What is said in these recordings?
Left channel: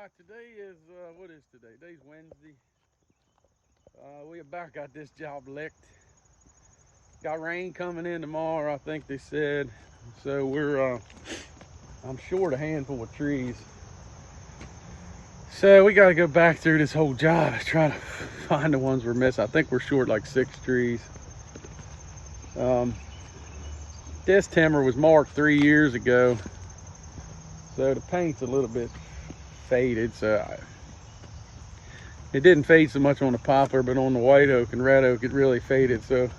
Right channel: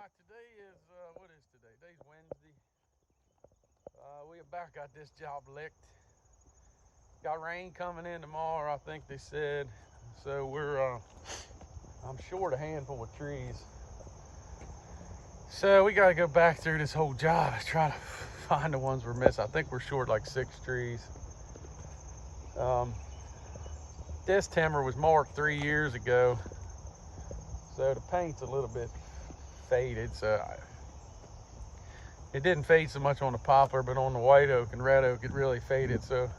right, today is, what is today? Today's Wednesday. We about got this job licked. Got rain coming in tomorrow, I think they said. So I'm short a handful of trees. So we got to go back through this whole job, trying to find the ones we're missing. I think we're short like 6 trees. This timber was marked 3 years ago. So the paint's a little bit faded. It didn't fade so much on the poplar, but on the white oak and red oak, it really faded. So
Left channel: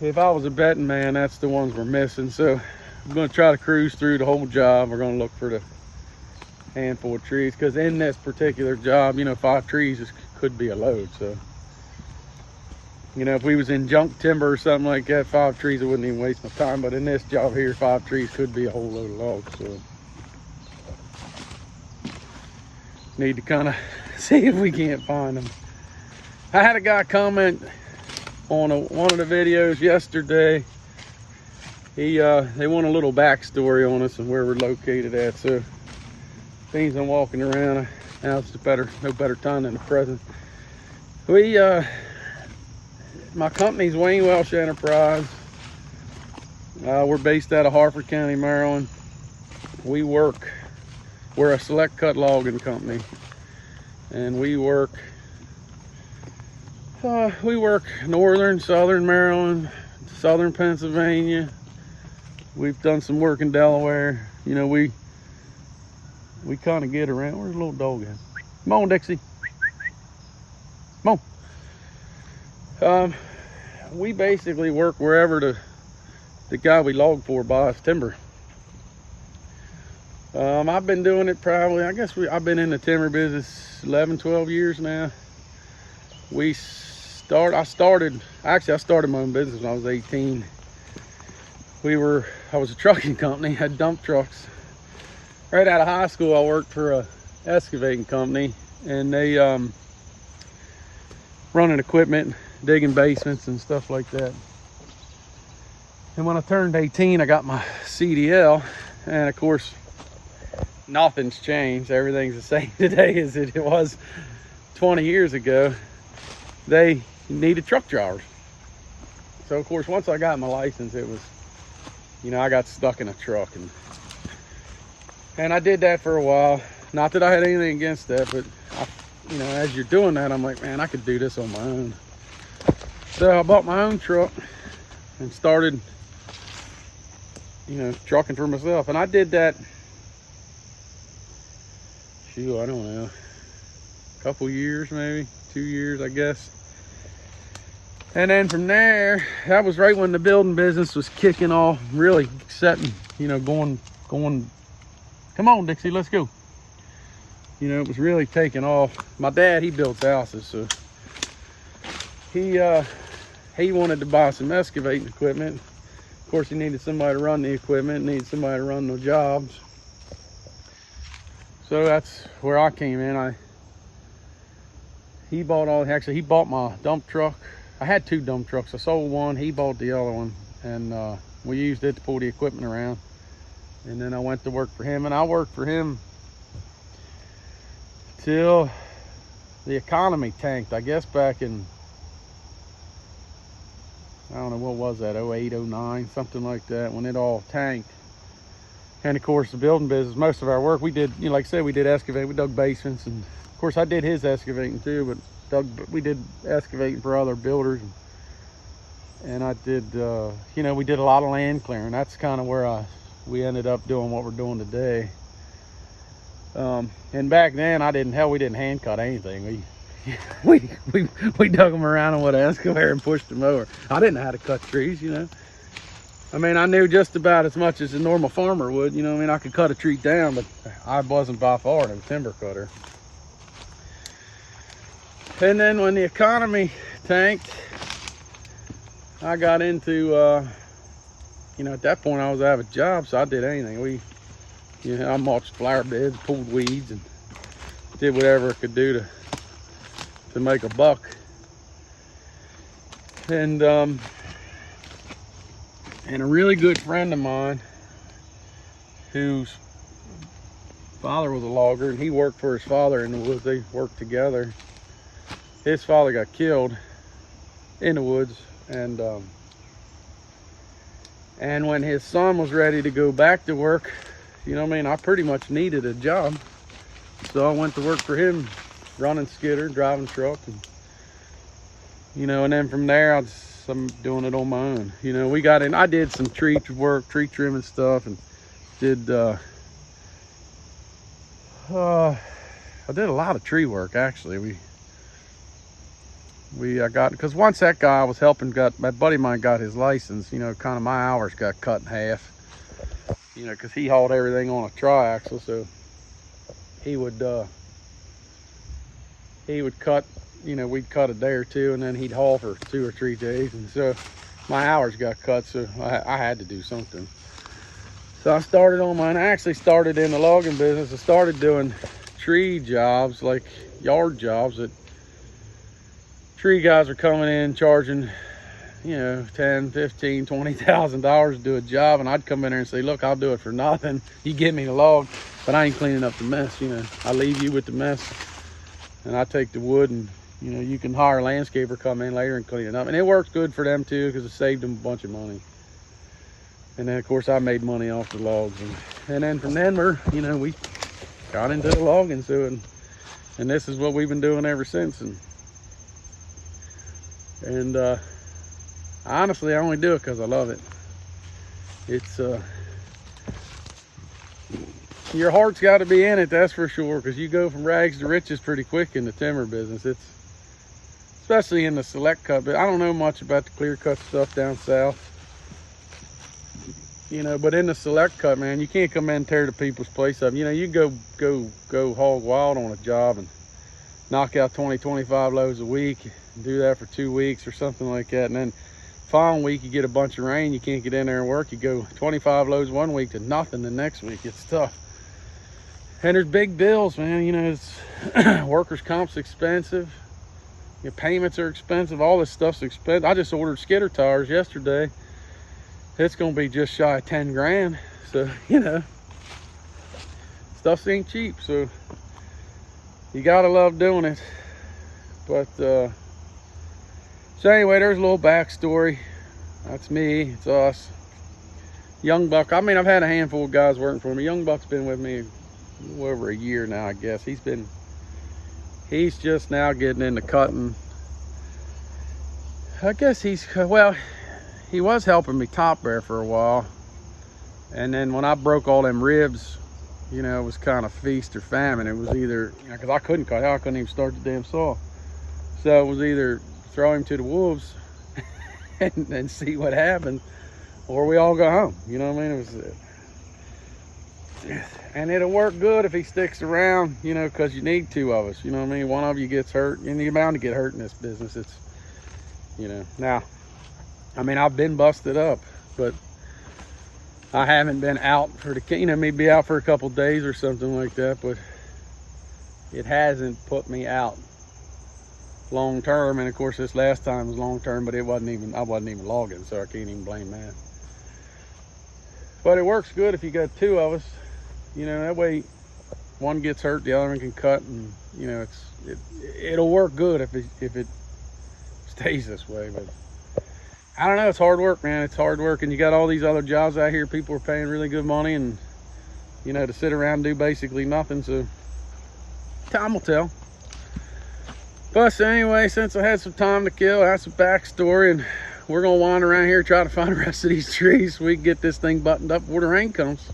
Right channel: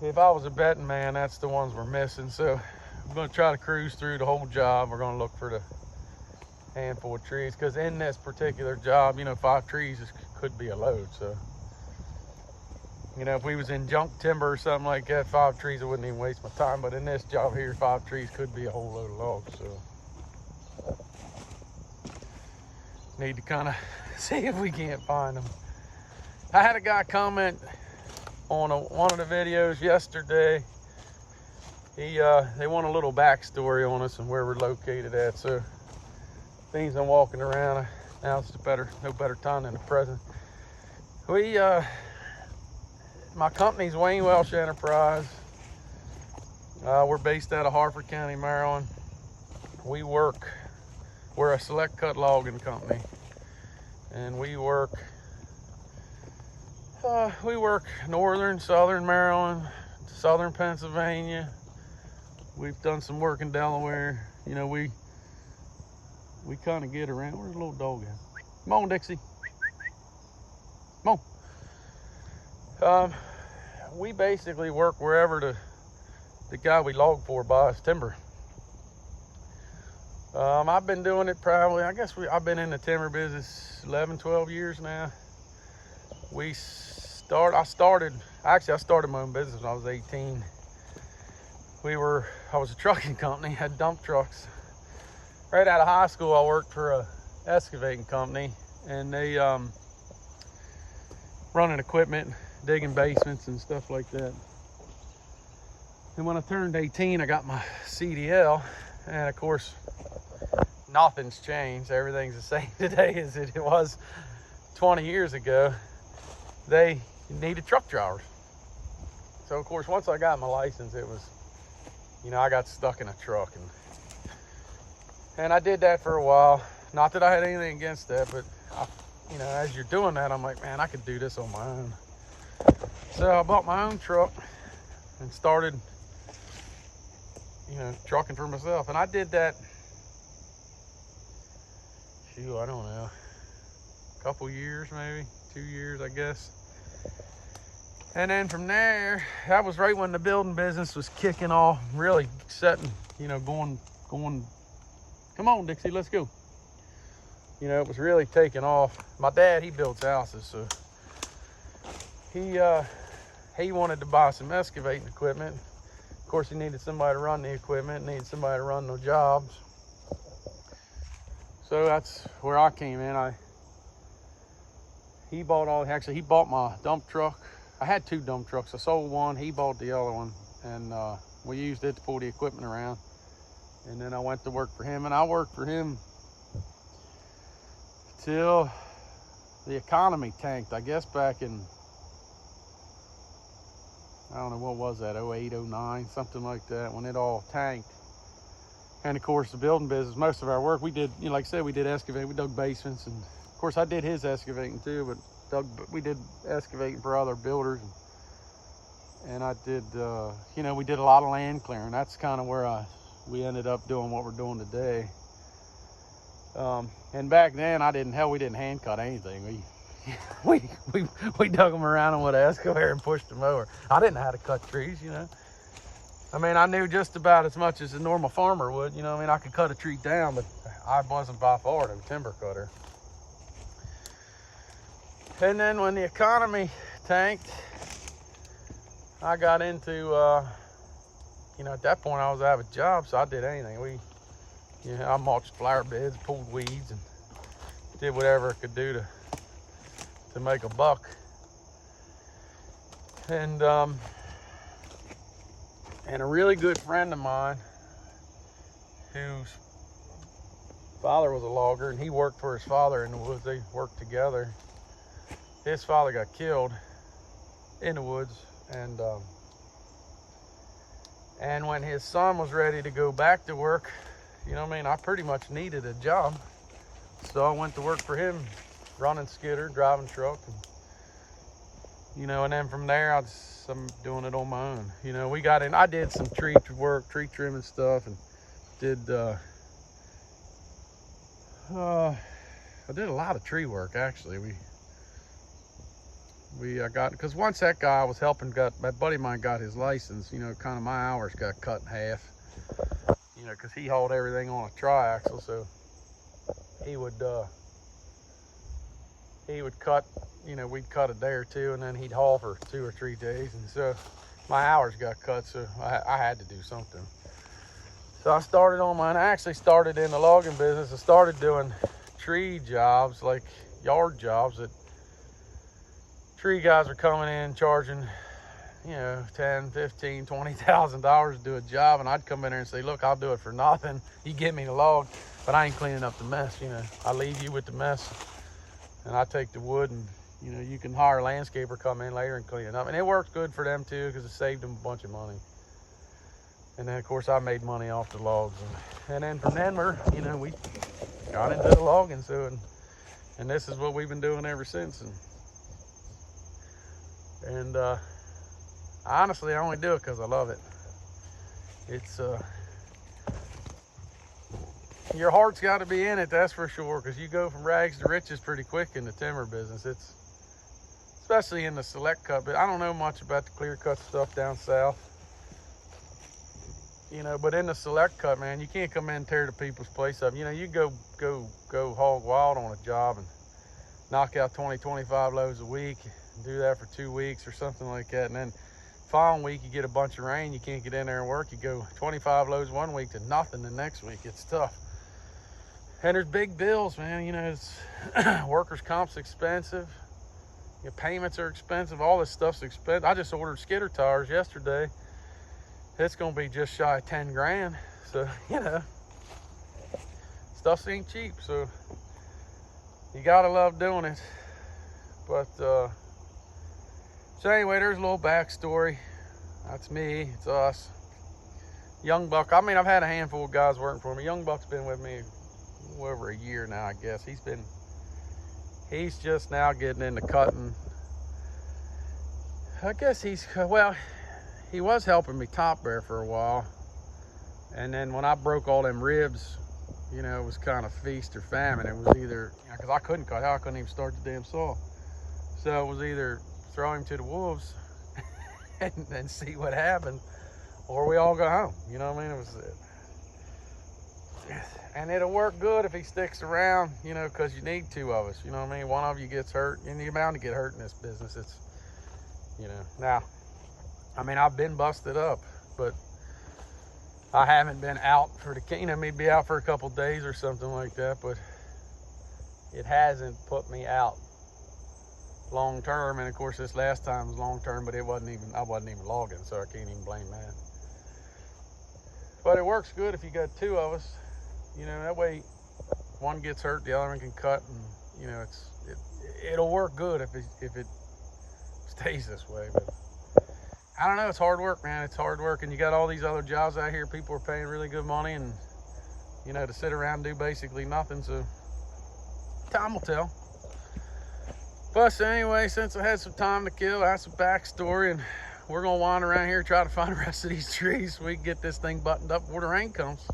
if I was a betting man, that's the ones we're missing. So I'm going to try to cruise through the whole job. We're going to look for the handful of trees, because in this particular job, 5 trees could be a load. So, if we was in junk timber or something like that, 5 trees, I wouldn't even waste my time. But in this job here, 5 trees could be a whole load of logs. So need to kind of see if we can't find them. I had a guy comment on one of the videos yesterday. They want a little backstory on us and where we're located at. So things I'm walking around now, it's no better time than the present. My company's Wayne Welsh Enterprise. We're based out of Harford County, Maryland. We're a select cut logging company, and we work northern, southern Maryland, southern Pennsylvania. We've done some work in Delaware. We kind of get around. Where's the little dog at? Come on, Dixie. Come on. We basically work wherever the guy we log for buys timber. I've been doing it probably, I've been in the timber business 11, 12 years now. I started my own business when I was 18. I was a trucking company, had dump trucks. Right out of high school, I worked for a excavating company, and they running equipment, digging basements and stuff like that. And when I turned 18, I got my CDL, and of course, nothing's changed. Everything's the same today as it was 20 years ago. They needed truck drivers. So of course, once I got my license, it was, I got stuck in a truck, and I did that for a while. Not that I had anything against that, but as you're doing that, I'm like, man, I could do this on my own. So I bought my own truck and started, trucking for myself. And I did that, I don't know, a couple years, maybe 2 years, I guess. And then from there, that was right when the building business was kicking off, really setting, going. Come on, Dixie, let's go. It was really taking off. My dad, he builds houses, so he wanted to buy some excavating equipment. Of course, he needed somebody to run the equipment, needed somebody to run the jobs. So that's where I came in. He bought my dump truck. I had 2 dump trucks. I sold one, he bought the other one, and we used it to pull the equipment around. And then I went to work for him, and I worked for him till the economy tanked, I guess back in, I don't know, what was that, 08, 09, something like that, when it all tanked. And of course, the building business, most of our work, we did, like I said, we did excavate, we dug basements, and of course I did his excavating too, but we did excavating for other builders. And I did, we did a lot of land clearing. That's kind of where we ended up doing what we're doing today. And back then, we didn't hand cut anything. We dug them around with an excavator and pushed them over. I didn't know how to cut trees, I knew just about as much as a normal farmer would, I could cut a tree down, but I wasn't by far no timber cutter. And then when the economy tanked, I got into, at that point I was out of a job, so I did anything. I mulched flower beds, pulled weeds, and did whatever I could do to make a buck. And a really good friend of mine, who's father was a logger, and he worked for his father in the woods. They worked together. His father got killed in the woods, and when his son was ready to go back to work, you know what I mean, I pretty much needed a job. So I went to work for him, running skidder, driving truck, and you know, and then from there I'm doing it on my own. You know, we got in, I did some tree work, tree trimming stuff, and did I did a lot of tree work actually. I got, because once that guy I was helping my buddy of mine got his license, you know, kind of my hours got cut in half, you know, because he hauled everything on a triaxle. So he would cut, you know, we'd cut a day or two, and then he'd haul for 2 or 3 days, and so my hours got cut, so I had to do something. So I started on mine. I actually started in the logging business. I started doing tree jobs, like yard jobs, that tree guys are coming in charging, you know, $10,000, $15,000, $20,000 to do a job, and I'd come in there and say, look, I'll do it for nothing. You give me the log, but I ain't cleaning up the mess. You know, I leave you with the mess, and I take the wood, and you know, you can hire a landscaper come in later and clean it up, and it works good for them too, because it saved them a bunch of money. And then of course I made money off the logs, and then from then we got into the logging. So and this is what we've been doing ever since. And honestly, I only do it because I love it. It's your heart's got to be in it, that's for sure, because you go from rags to riches pretty quick in the timber business. It's especially in the select cut, but I don't know much about the clear cut stuff down south, you know, but in the select cut, man, you can't come in and tear the people's place up. You know, you go hog wild on a job and knock out 20-25 loads a week, and do that for 2 weeks or something like that, and then following week you get a bunch of rain, you can't get in there and work. You go 25 loads one week to nothing the next week. It's tough. And there's big bills, man. You know, it's workers' comp's expensive. Your payments are expensive. All this stuff's expensive. I just ordered skidder tires yesterday. It's gonna be just shy of 10 grand. So, you know, stuff ain't cheap. So you gotta love doing it. But so anyway, there's a little backstory. That's me. It's us. Young Buck. I mean, I've had a handful of guys working for me. Young Buck's been with me over a year now, I guess. He's just now getting into cutting. I guess well, he was helping me top bear for a while, and then when I broke all them ribs, you know, it was kind of feast or famine. It was either, you know, because I couldn't cut, I couldn't even start the damn saw, so it was either throw him to the wolves and see what happened, or we all go home. You know what I mean? It was and it'll work good if he sticks around, you know, because you need 2 of us. You know what I mean? One of you gets hurt, and you're bound to get hurt in this business. It's, you know, now, I mean, I've been busted up, but I haven't been out for the, you know, maybe out for a couple days or something like that, but it hasn't put me out long term. And of course, this last time was long term, but I wasn't even logging, so I can't even blame that. But it works good if you got 2 of us. You know, that way one gets hurt, the other one can cut, and you know, it'll work good if it stays this way. But I don't know, it's hard work, man. It's hard work, and you got all these other jobs out here. People are paying really good money, and you know, to sit around and do basically nothing. So time will tell. But anyway, since I had some time to kill, I had some backstory, and we're gonna wander around here, try to find the rest of these trees so we can get this thing buttoned up before the rain comes.